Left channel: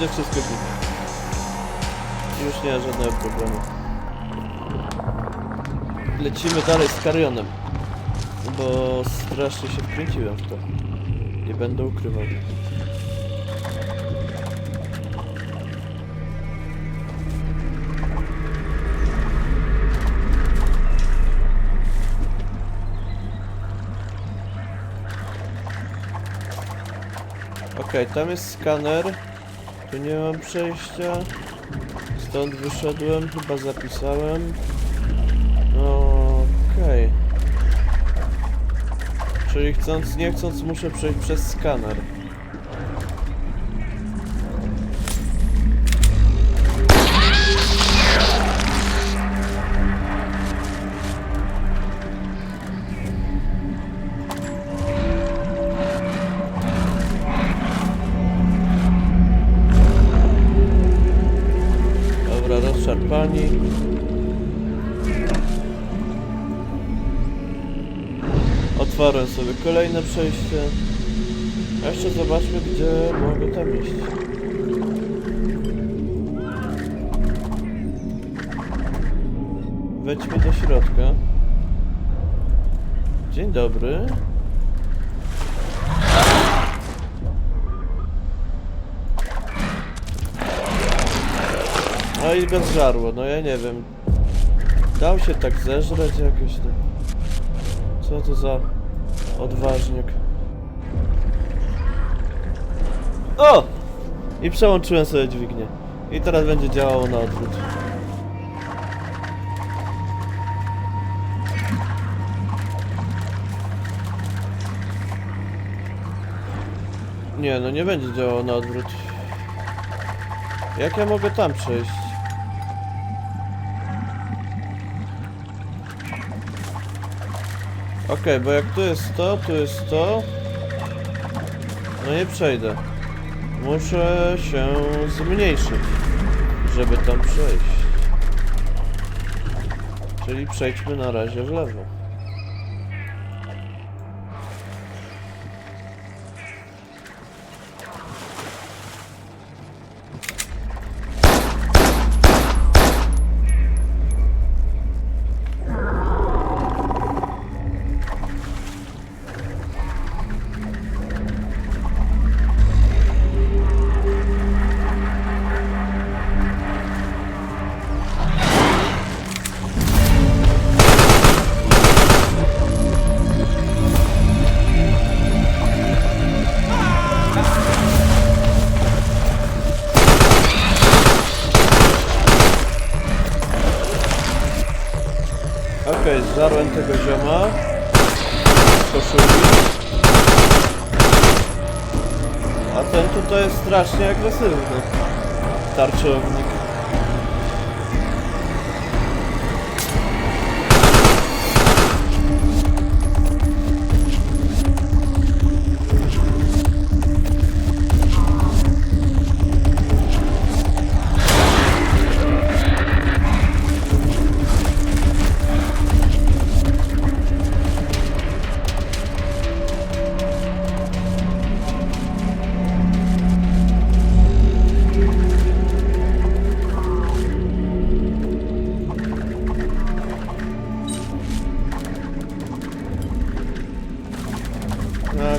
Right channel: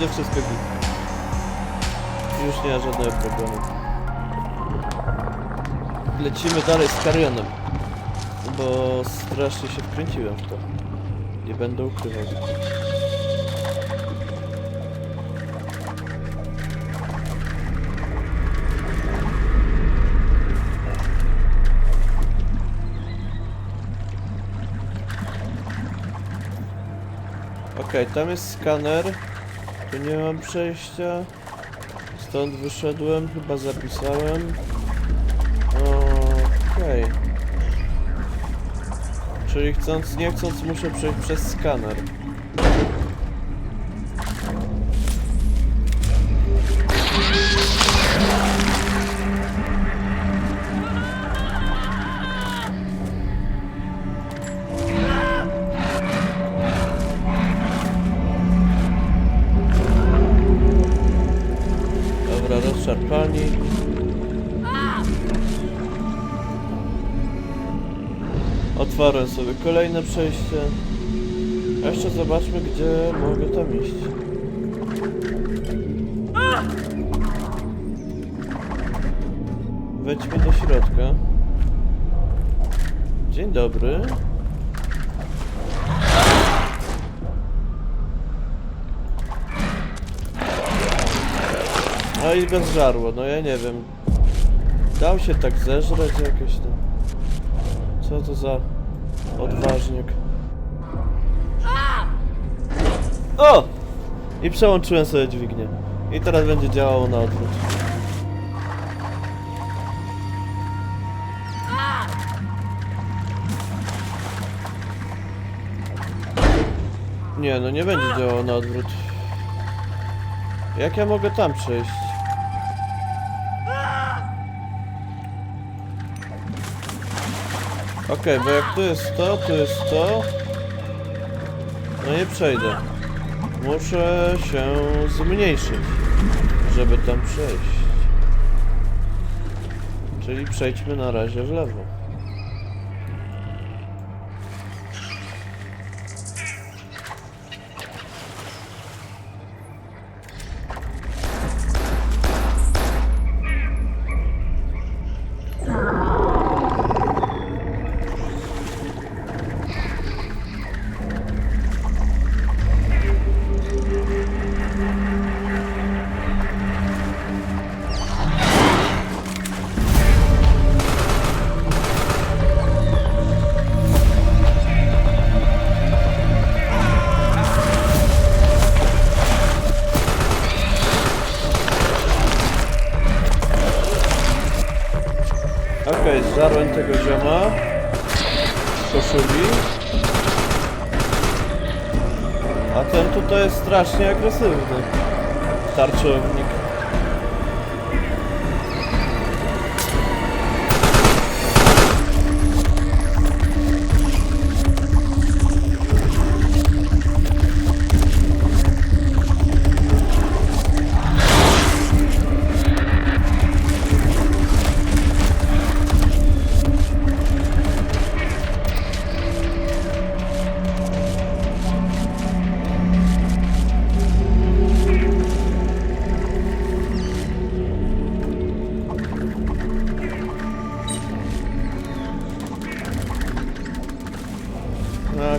będzie wszystko git. Już nie ma żadnego problemu. Lecimy dalej z Karionem. Bo strasznie się wkręciłem w to. Nie będę ukrywał. Okej, tam jest skaner. Tu nie mam przejścia. Stąd wyszedłem, chyba zapisałem. Okej. Czyli chcąc, nie chcąc muszę przejść przez skaner. Otwarłem sobie kolejne przejście. A jeszcze zobaczmy, gdzie mogę tam iść. Wejdźmy do środka. Dzień dobry. No i bez żarło, no ja nie wiem. Dał się tak zeżreć jakoś tam. Co to za odważnik? O! I przełączyłem sobie dźwignię. I teraz będzie działało na odwrót. Nie, no nie będzie działało na odwrót. Jak ja mogę tam przejść? Okej, bo jak tu jest to, tu jest to... No nie przejdę. Muszę się zmniejszyć, żeby tam przejść. Czyli przejdźmy na razie w lewo. Okej, zżarłem tego zioma. Koszuli. A ten tutaj jest strasznie agresywny. Tarczownik.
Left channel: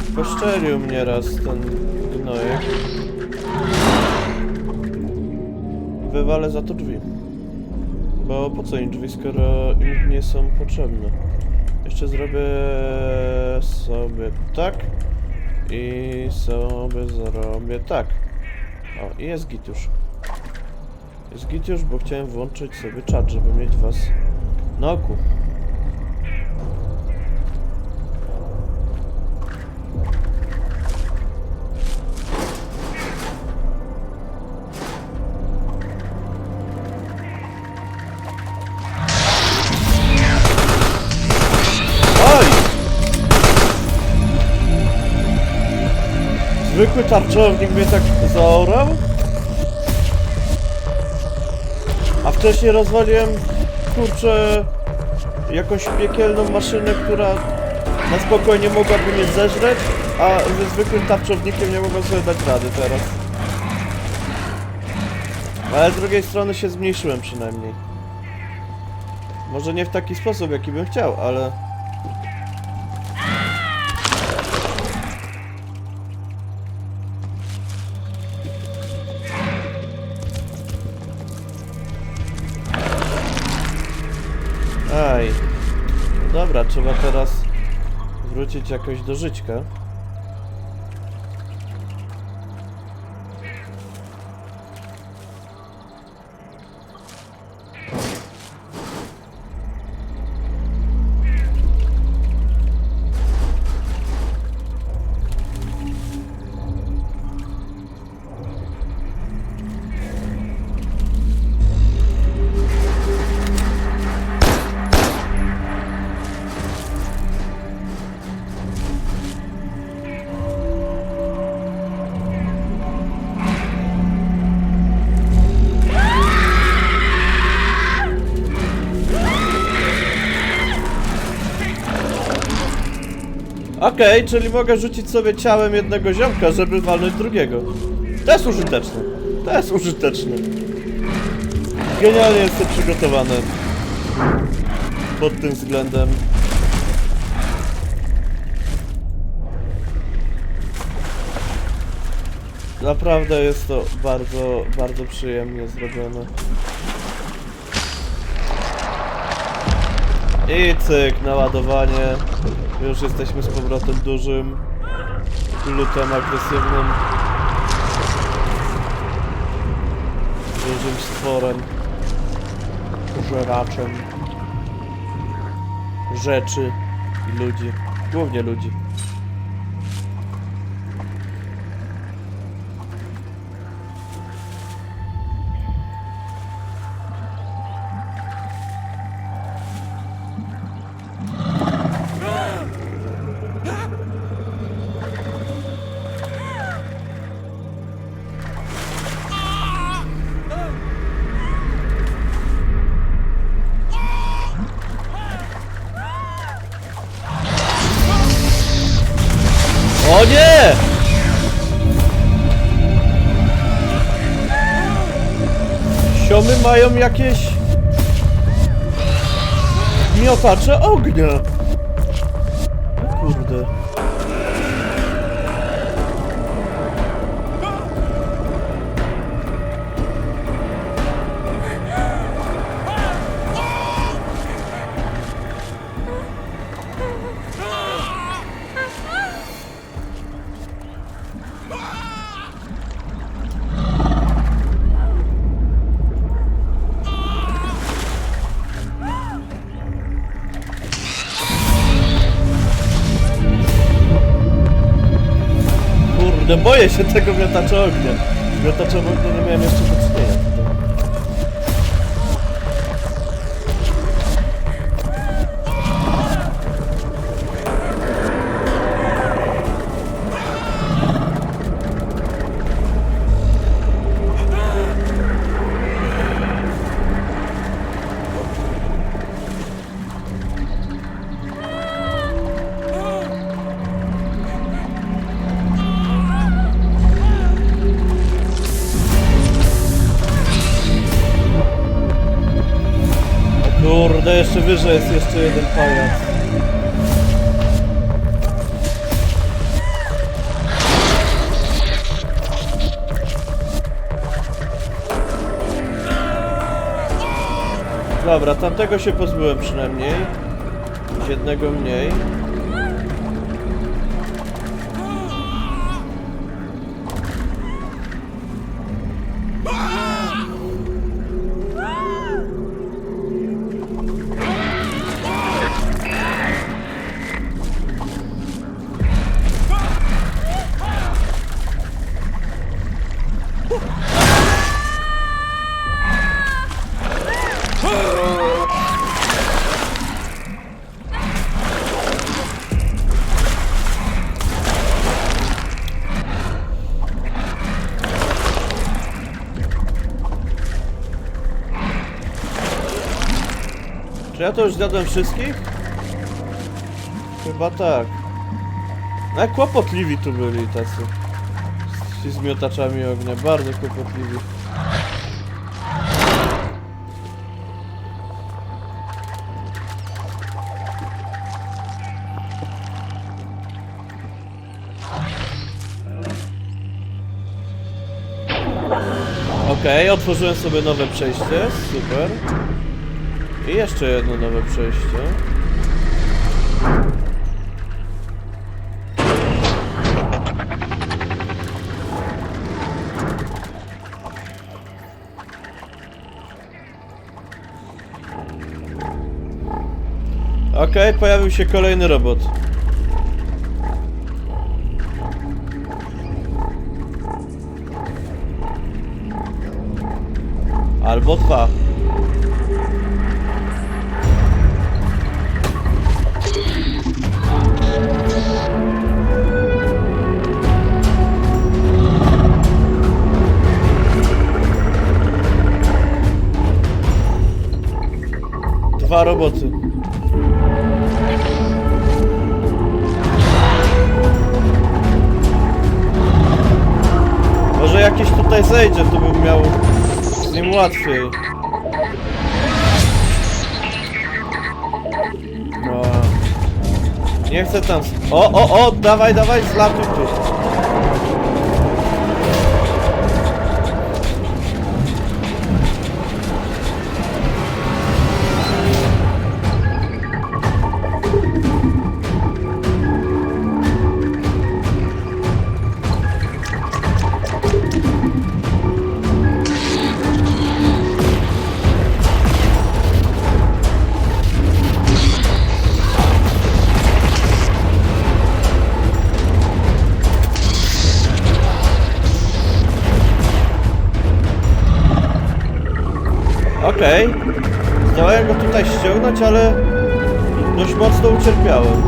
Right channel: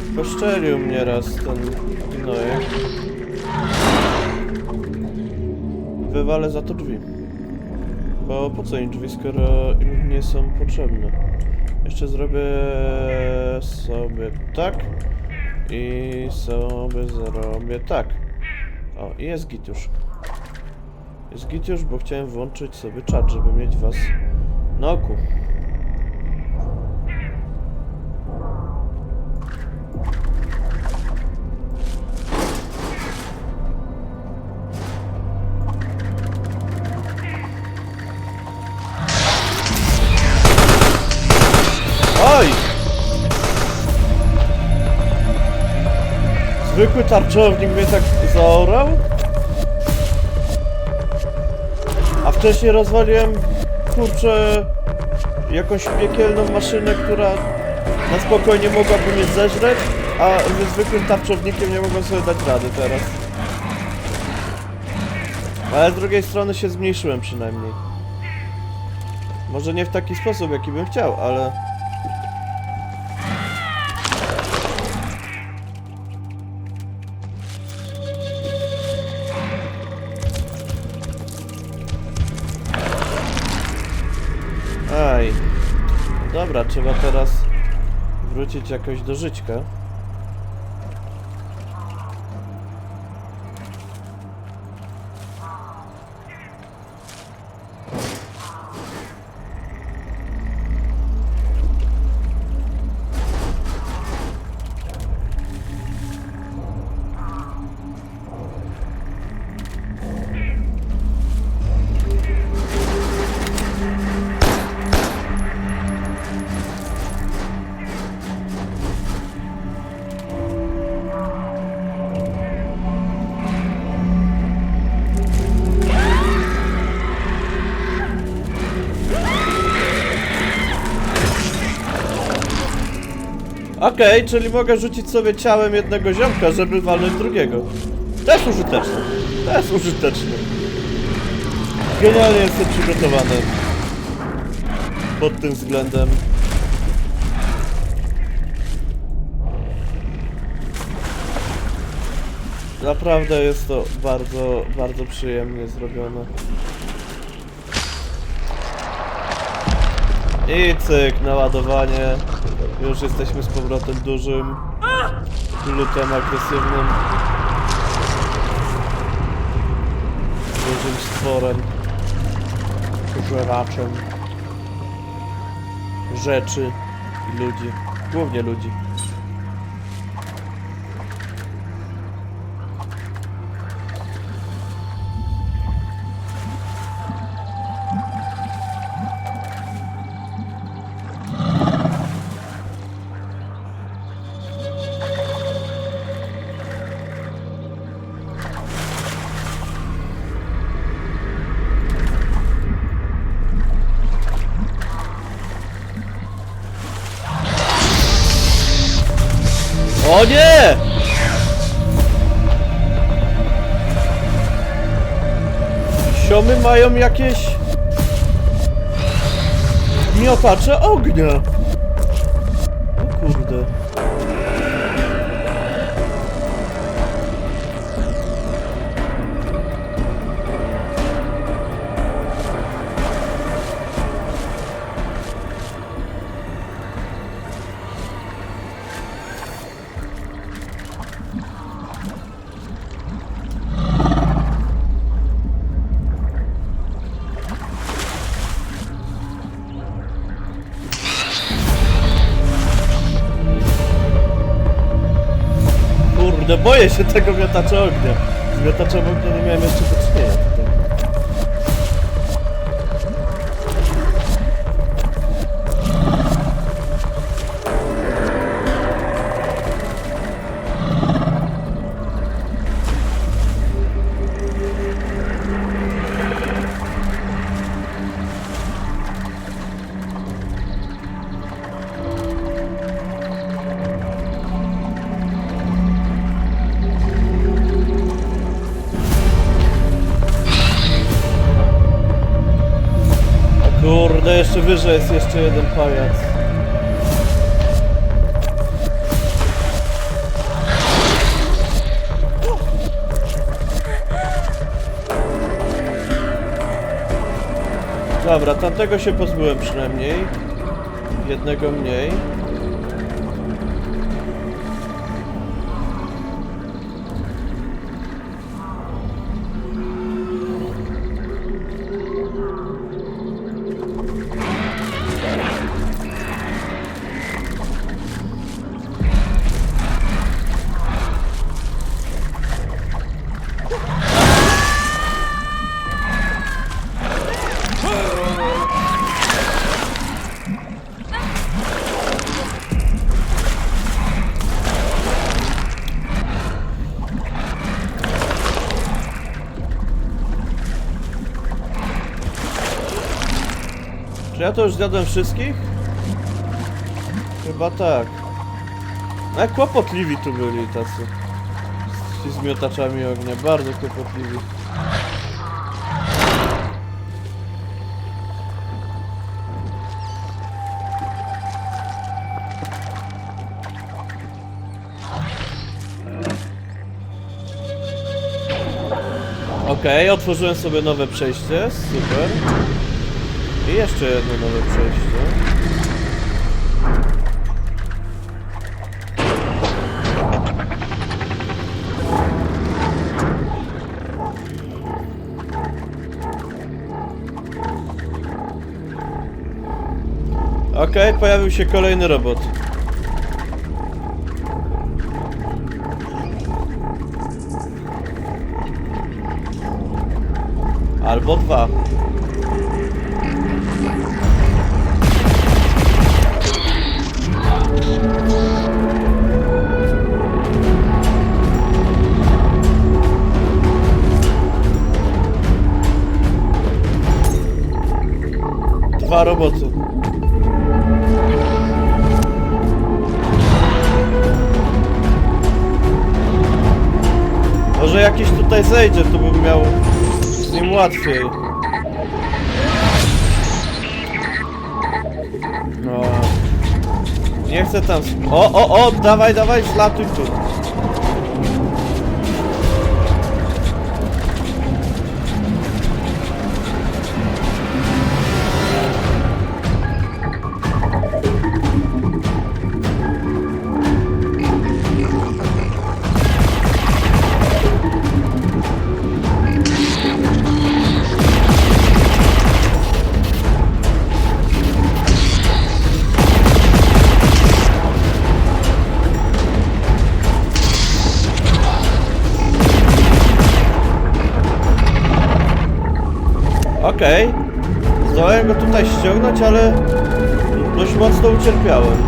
Ach, poszczelił mnie raz ten gnojek. Wywalę za to drzwi. Bo po co im drzwi, skoro im nie są potrzebne? Jeszcze zrobię sobie tak. I sobie zrobię tak. O, i jest git już. Jest git już, bo chciałem włączyć sobie czat, żeby mieć was na oku. Zwykły tarczownik mnie tak zaorał? A wcześniej rozwaliłem, kurczę, jakąś piekielną maszynę, która na spokojnie mogłaby mnie zeżreć, a ze zwykłym tarczownikiem nie mogłem sobie dać rady teraz. Ale z drugiej strony się zmniejszyłem przynajmniej. Może nie w taki sposób, jaki bym chciał, ale... trzeba teraz wrócić jakoś do żyćka. Okej, czyli mogę rzucić sobie ciałem jednego ziomka, żeby walnąć drugiego. To jest użyteczne. To jest użyteczne. Genialnie jestem przygotowany. Pod tym względem. Naprawdę jest to bardzo, bardzo przyjemnie zrobione. I cyk, naładowanie. Już jesteśmy z powrotem dużym, lutem agresywnym, dużym stworem, pożeraczem rzeczy i ludzi, głównie ludzi. Siomy mają jakieś... Miotacze ognia! O kurde. Boję się tego miotacza ognia. Z miotaczem ognia nie miałem jeszcze do czynienia tutaj. Kurde, jeszcze wyżej jest jeszcze jeden pajac. Dobra, tamtego się pozbyłem przynajmniej. Jednego mniej. Ja to już zjadłem wszystkich? Chyba tak. No jak kłopotliwi tu byli tacy. Ci z miotaczami ognia, bardzo kłopotliwi. Okej, otworzyłem sobie nowe przejście, super. I jeszcze jedno nowe przejście. Okej, pojawił się kolejny robot. Albo dwa. Dwa roboty. Może jakiś tutaj zejdzie, to bym miał z nim łatwiej. No. Nie chcę tam. O, o, o, dawaj, dawaj, zlatuj tu. Okej. Zdołałem go tutaj ściągnąć, ale dość mocno ucierpiałem.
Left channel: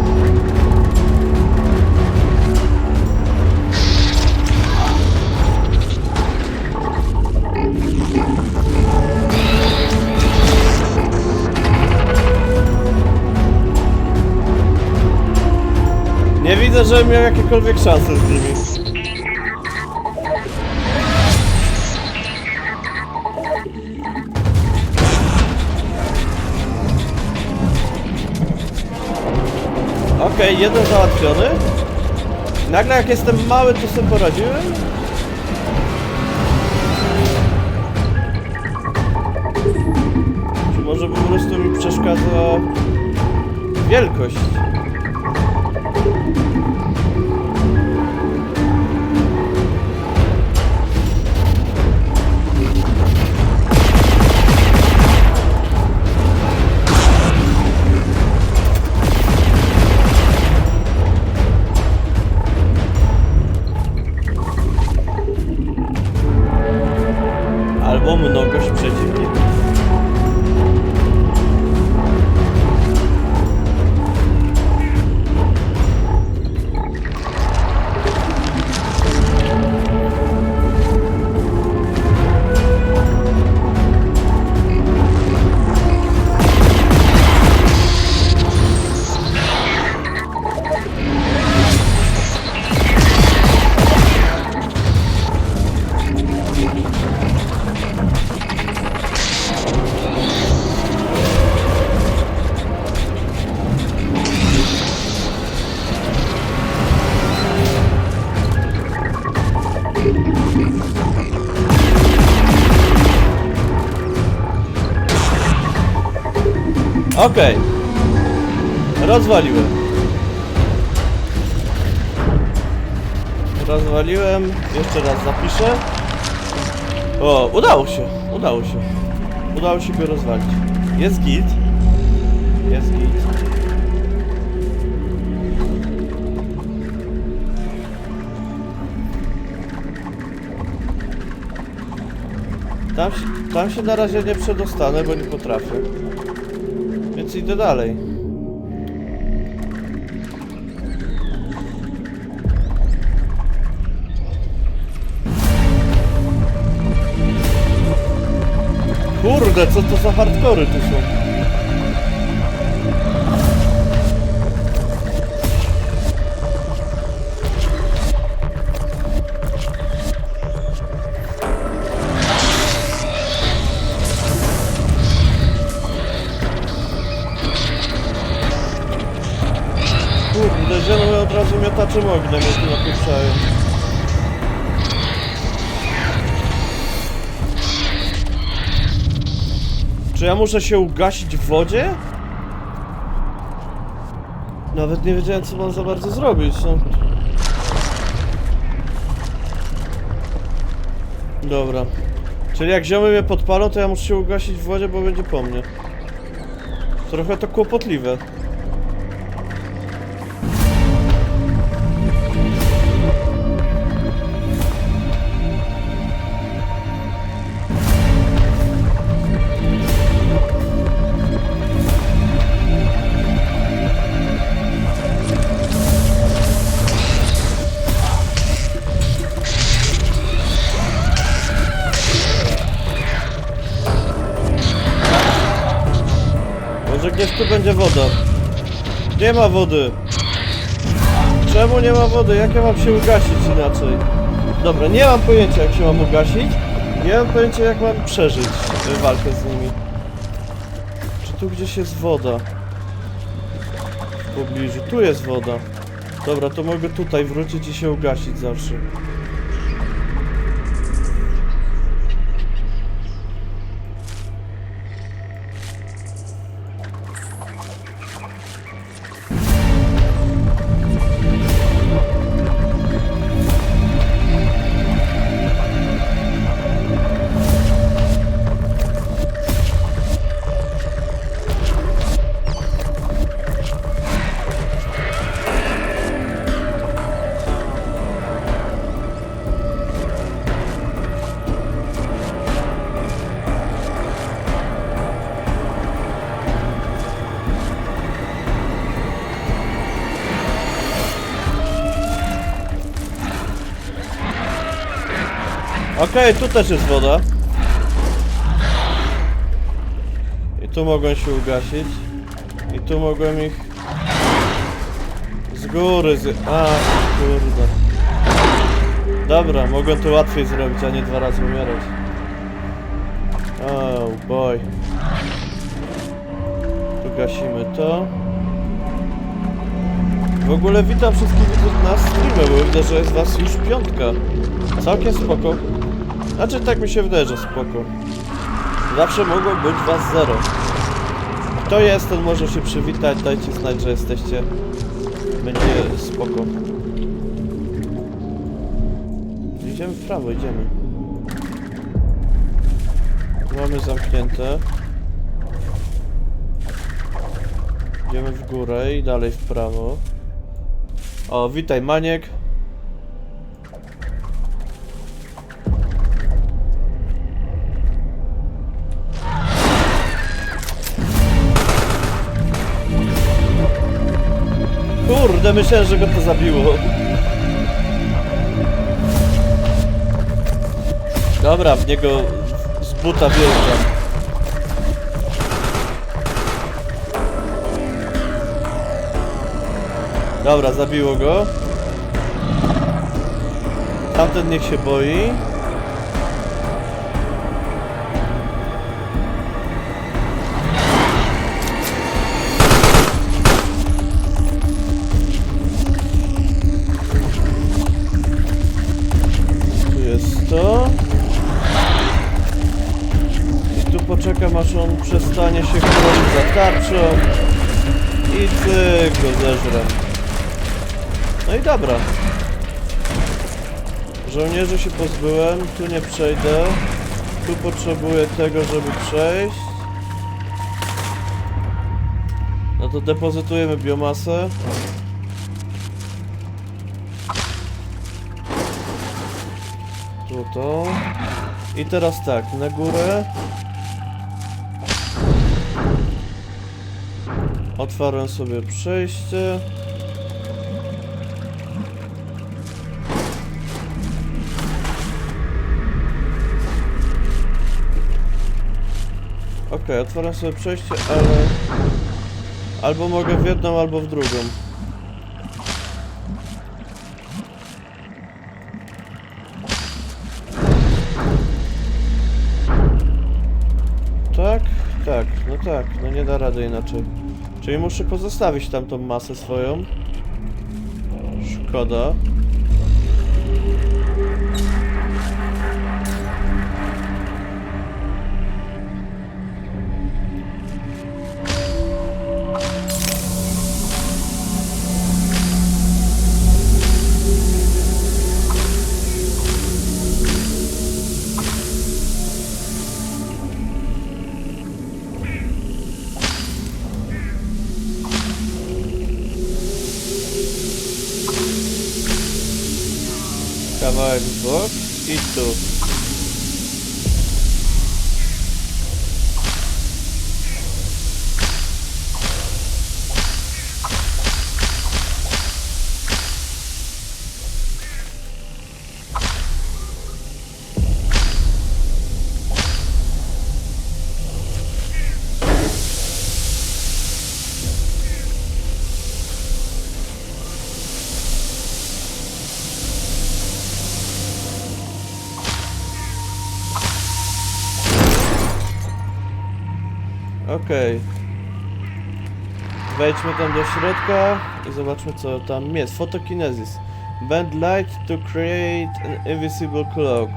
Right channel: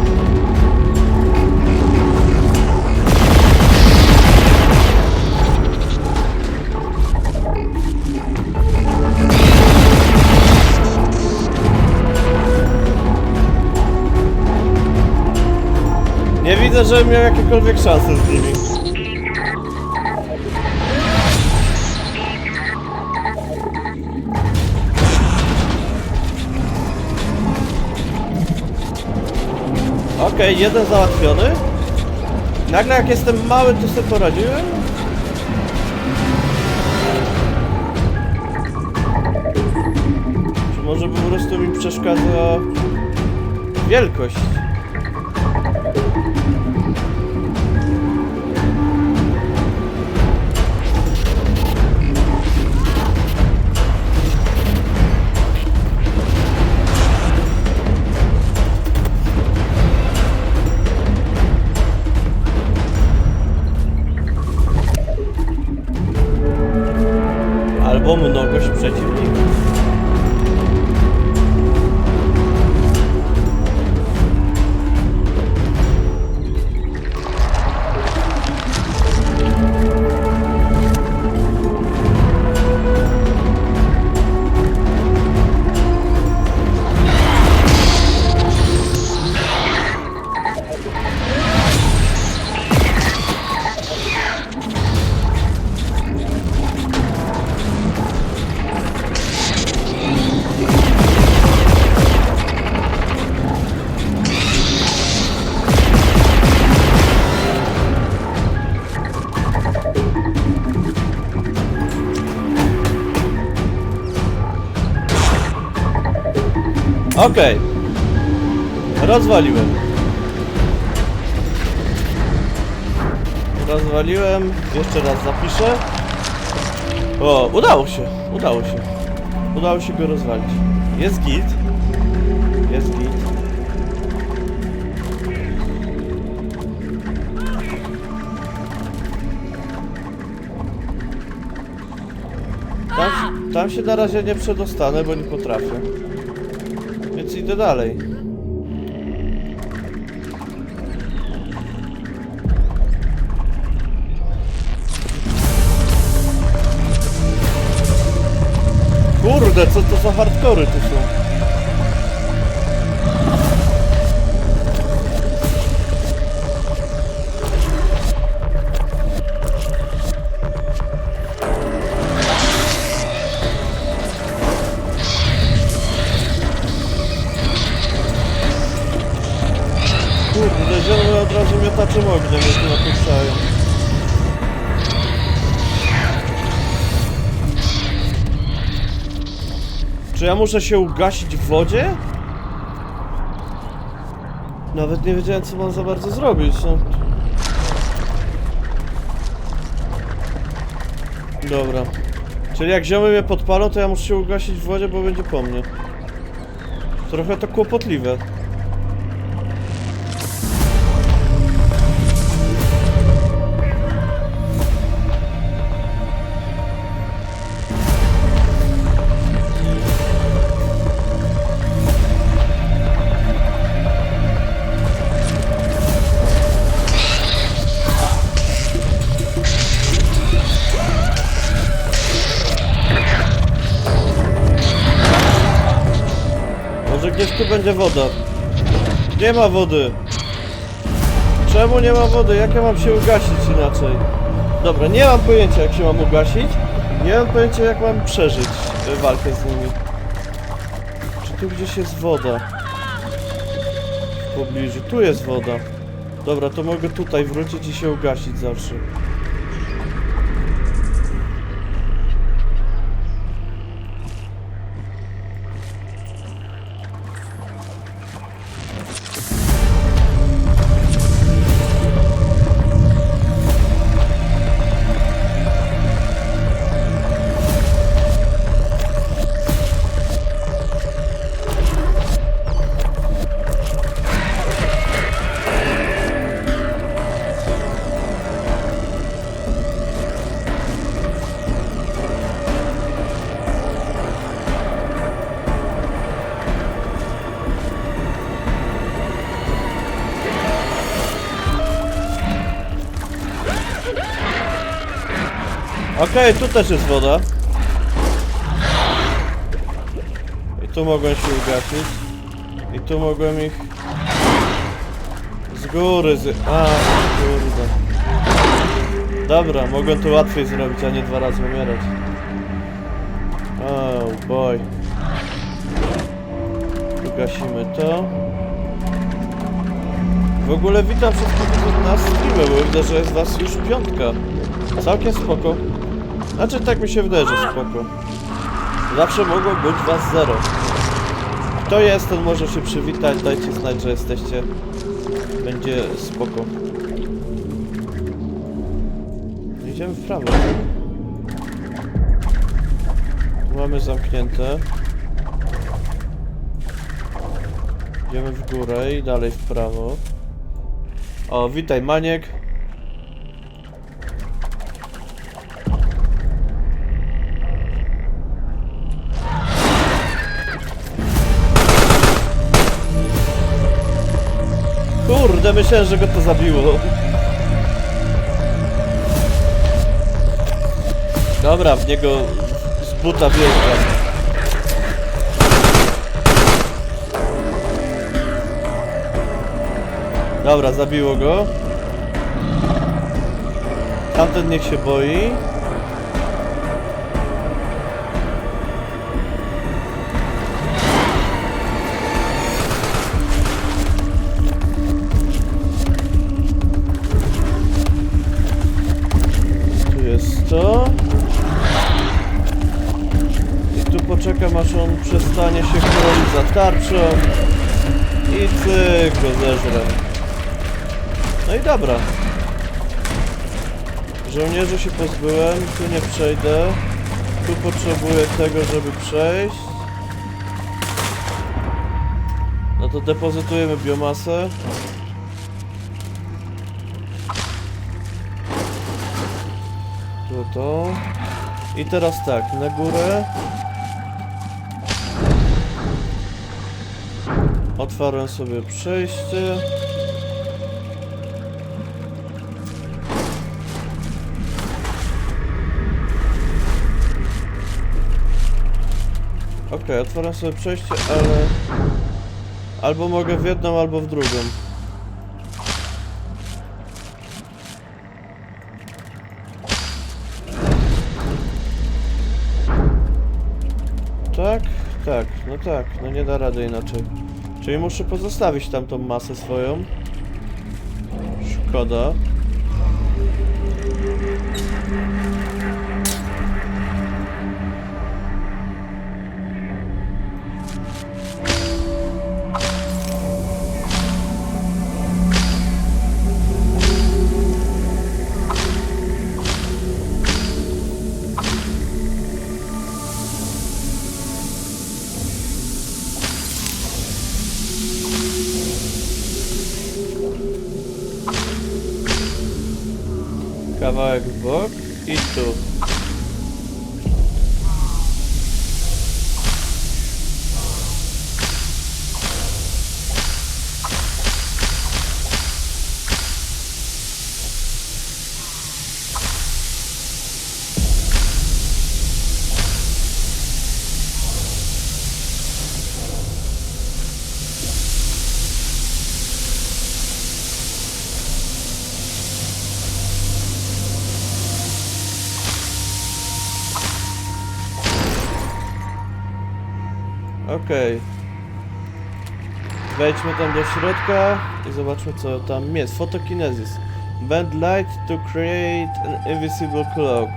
Nie widzę, żebym miał jakiekolwiek szanse z nimi. Okej, jeden załatwiony. Nagle jak jestem mały, to sobie poradziłem. Czy może po prostu mi przeszkadza wielkość? Albo mnogość przeciwników. Okej. Rozwaliłem. Rozwaliłem. Jeszcze raz zapiszę. O, udało się. Udało się. Udało się go rozwalić. Jest git. Jest git. Tam, tam się na razie nie przedostanę, bo nie potrafię. Idę dalej. Kurde, co to za hardkory tu są? Od razu miotaczem ognia mnie tu napieprzają. Czy ja muszę się ugasić w wodzie? Nawet nie wiedziałem co mam za bardzo zrobić, no. Dobra. Czyli jak ziomy mnie podpalą, to ja muszę się ugasić w wodzie, bo będzie po mnie. Trochę to kłopotliwe. Tu będzie woda. Nie ma wody. Czemu nie ma wody? Jak ja mam się ugasić inaczej? Dobra, nie mam pojęcia jak się mam ugasić. Nie mam pojęcia jak mam przeżyć y, walkę z nimi. Czy tu gdzieś jest woda? W pobliżu. Tu jest woda. Dobra, to mogę tutaj wrócić i się ugasić zawsze. Okej, tu też jest woda. I tu mogłem się ugasić. I tu mogłem ich... Z góry z... A, kurde. Dobra, mogłem to łatwiej zrobić, a nie dwa razy umierać. Oh boy. Tu gasimy to. W ogóle witam wszystkich widzów na streamie, bo widzę, że jest was już piątka. Całkiem spoko. Znaczy tak mi się wydaje, że spoko. Zawsze mogło być was zero. Kto jest, ten może się przywitać, dajcie znać, że jesteście. Będzie spoko. Idziemy w prawo. Tu mamy zamknięte. Idziemy w górę i dalej w prawo. O, witaj Maniek. Kurde, myślałem, że go to zabiło. Dobra, w niego z buta wjeżdżam. Dobra, zabiło go. Tamten niech się boi. Go. No i dobra. Żołnierzy się pozbyłem, tu nie przejdę. Tu potrzebuję tego, żeby przejść. No to depozytujemy biomasę. Tu to. I teraz tak, na górę. Otwarłem sobie przejście. Okej, otwarłem sobie przejście, ale... Albo mogę w jedną, albo w drugą. Tak, tak, no tak, no nie da rady inaczej. Czyli muszę pozostawić tam tą masę swoją. Szkoda. Kawałek w bok i tu. Okej. Wejdźmy tam do środka i zobaczmy co tam jest. Photokinesis. Bend light to create an invisible cloak.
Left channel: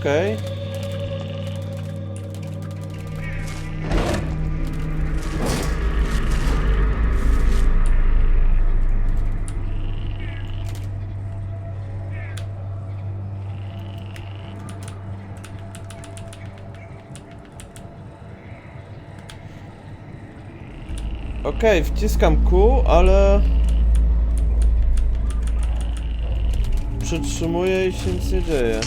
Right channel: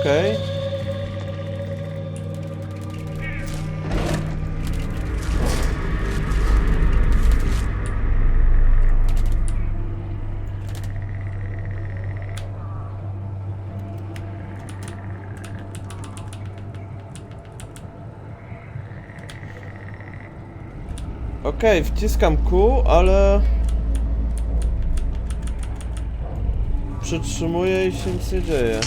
Okej. Okej, wciskam Q, ale... Przytrzymuję i się nic nie dzieje.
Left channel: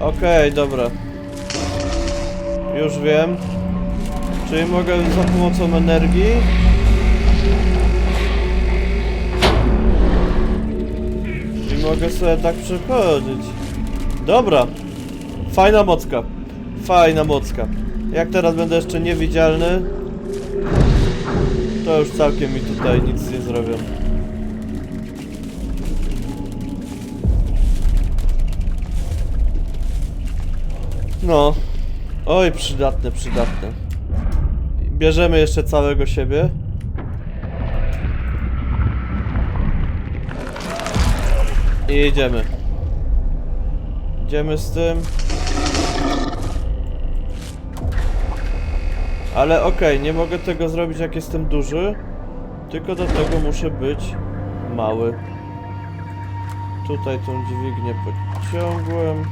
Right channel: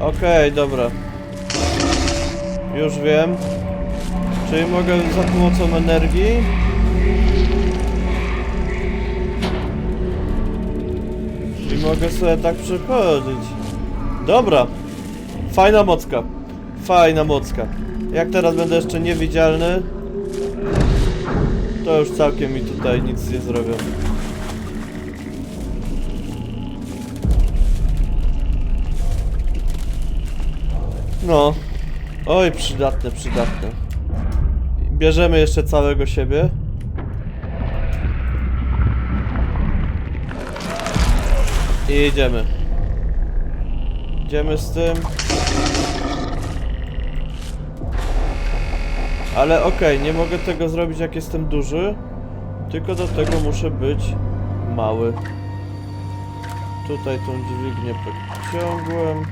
Okej, dobra. Już wiem. Czyli mogę za pomocą energii mogę sobie tak przechodzić. Dobra. Fajna mocka. Fajna mocka. Jak teraz będę jeszcze niewidzialny, to już całkiem mi tutaj nic nie zrobią. No. Oj, przydatne, przydatne. Bierzemy jeszcze całego siebie. I jedziemy. Idziemy z tym. Ale okej, nie mogę tego zrobić jak jestem duży. Tylko do tego muszę być mały. Tutaj tą dźwignię podciągłem.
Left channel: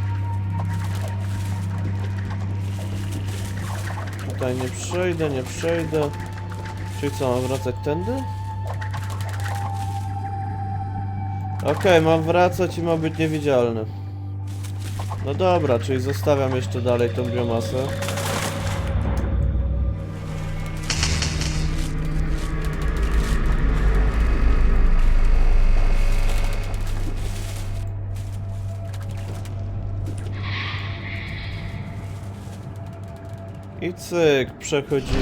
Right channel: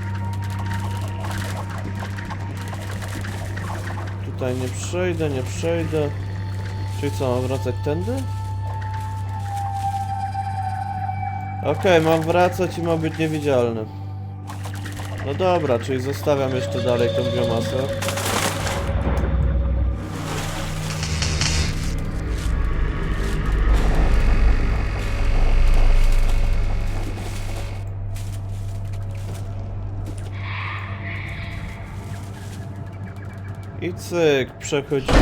Tutaj nie przejdę, nie przejdę. Czyli co, mam wracać tędy? Okej, mam wracać i mam być niewidzialny. No dobra, czyli zostawiam jeszcze dalej tą biomasę. I cyk, przechodzimy.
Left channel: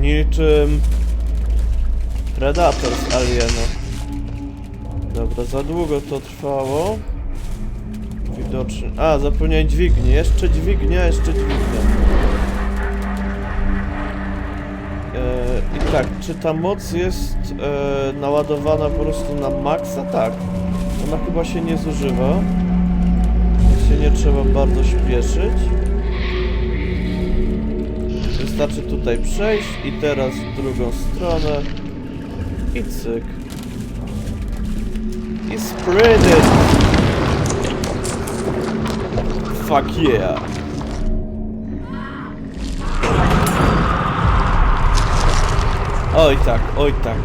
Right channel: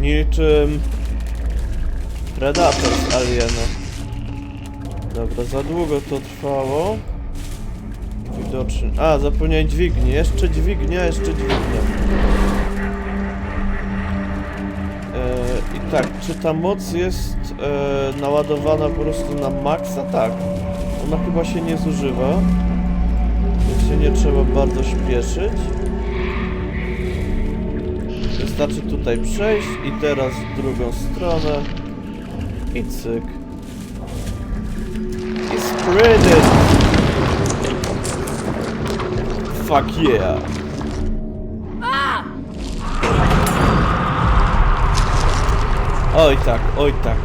Niczym Predator z Aliena. Dobra, za długo to trwało. Widocznie. A, zapomniałem dźwigni. Jeszcze dźwignia, jeszcze dźwignia. E, I tak, czy ta moc jest e, naładowana po prostu na maksa? Tak. Ona chyba się nie zużywa. Więc się nie trzeba bardzo śpieszyć. Wystarczy tutaj przejść i teraz w drugą stronę. I cyk. I it! Fuck yeah! Oj tak, oj tak.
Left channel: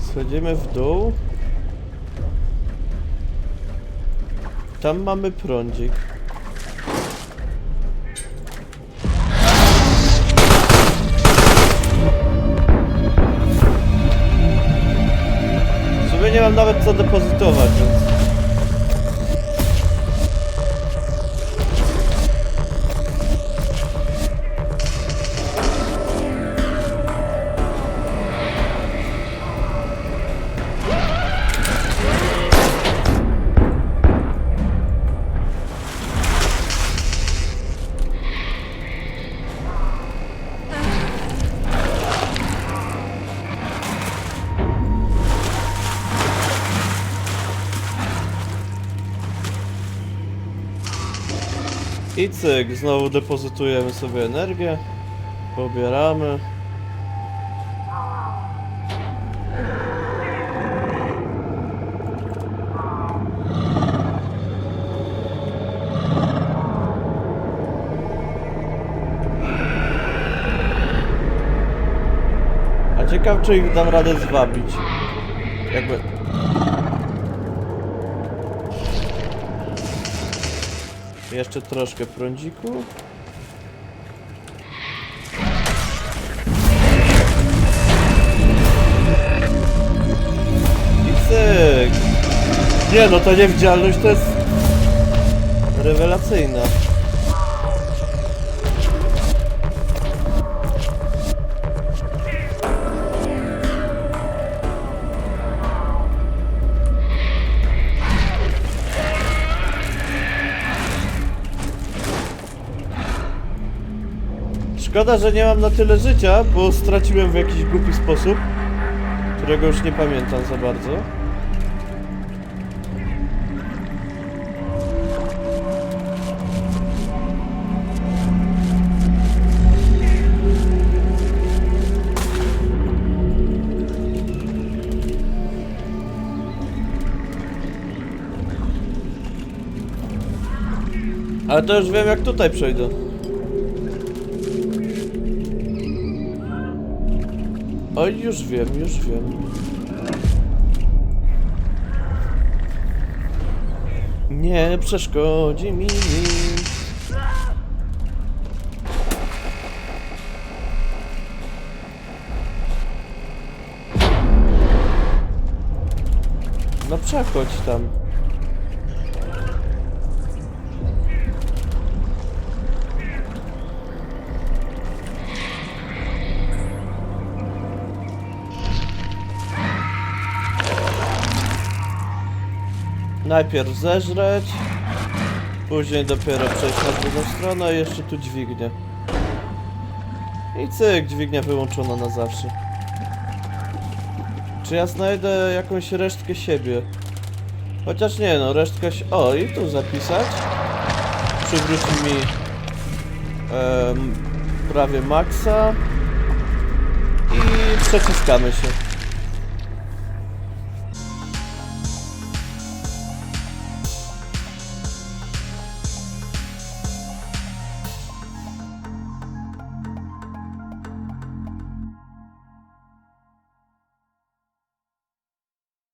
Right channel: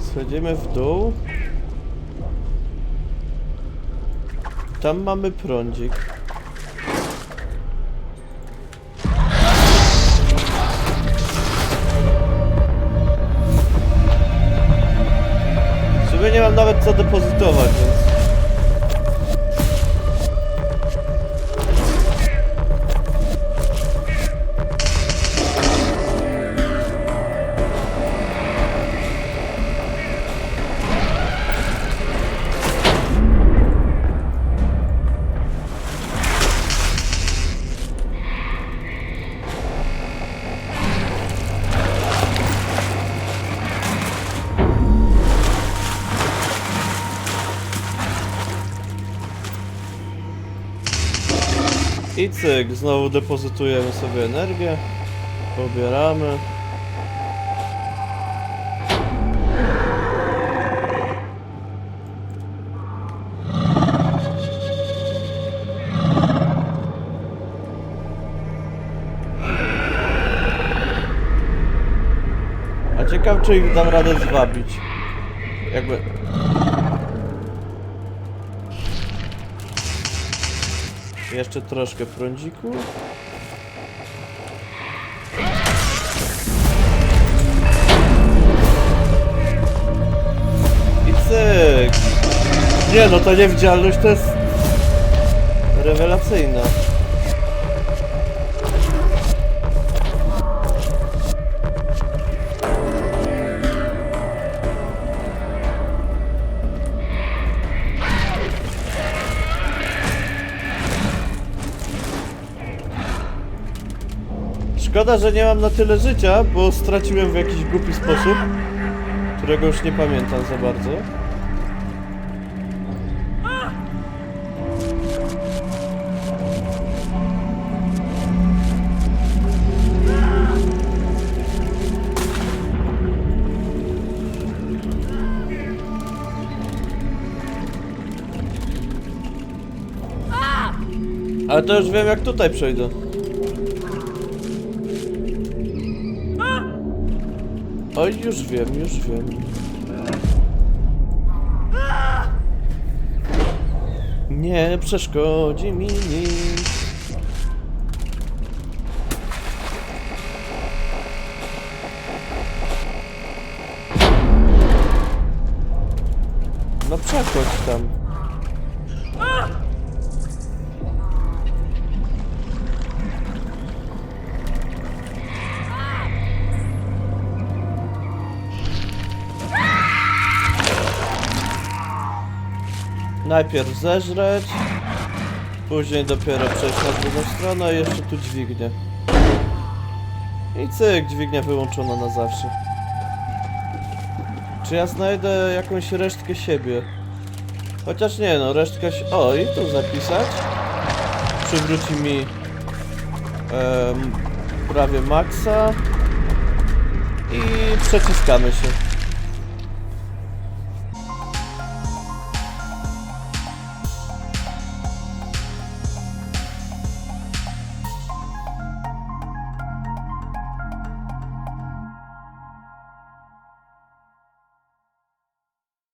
Schodzimy w dół. Tam mamy prądzik. Nawet co depozytować, więc... cyk, znowu depozytujemy sobie energię. Pobieramy. A ciekaw, czy ich dam radę zwabić. Jakby... Jeszcze troszkę prądziku. I cyk! Nie no, ta niewidzialność to jest... Rewelacyjna. Szkoda, że nie mam na tyle życia, bo straciłem w jakiś głupi sposób, którego już nie pamiętam za bardzo. Ale to już wiem jak tutaj przejdę. Oj, już wiem, już wiem. Nie przeszkodzi mi nic. No przechodź tam. Najpierw zeżreć, później dopiero przejść na drugą stronę i jeszcze tu dźwignię. I cyk, dźwignia wyłączona na zawsze. Czy ja znajdę jakąś resztkę siebie? Chociaż nie no, resztka się... O, i tu zapisać. Przywróci mi... em, prawie maksa. I przeciskamy się.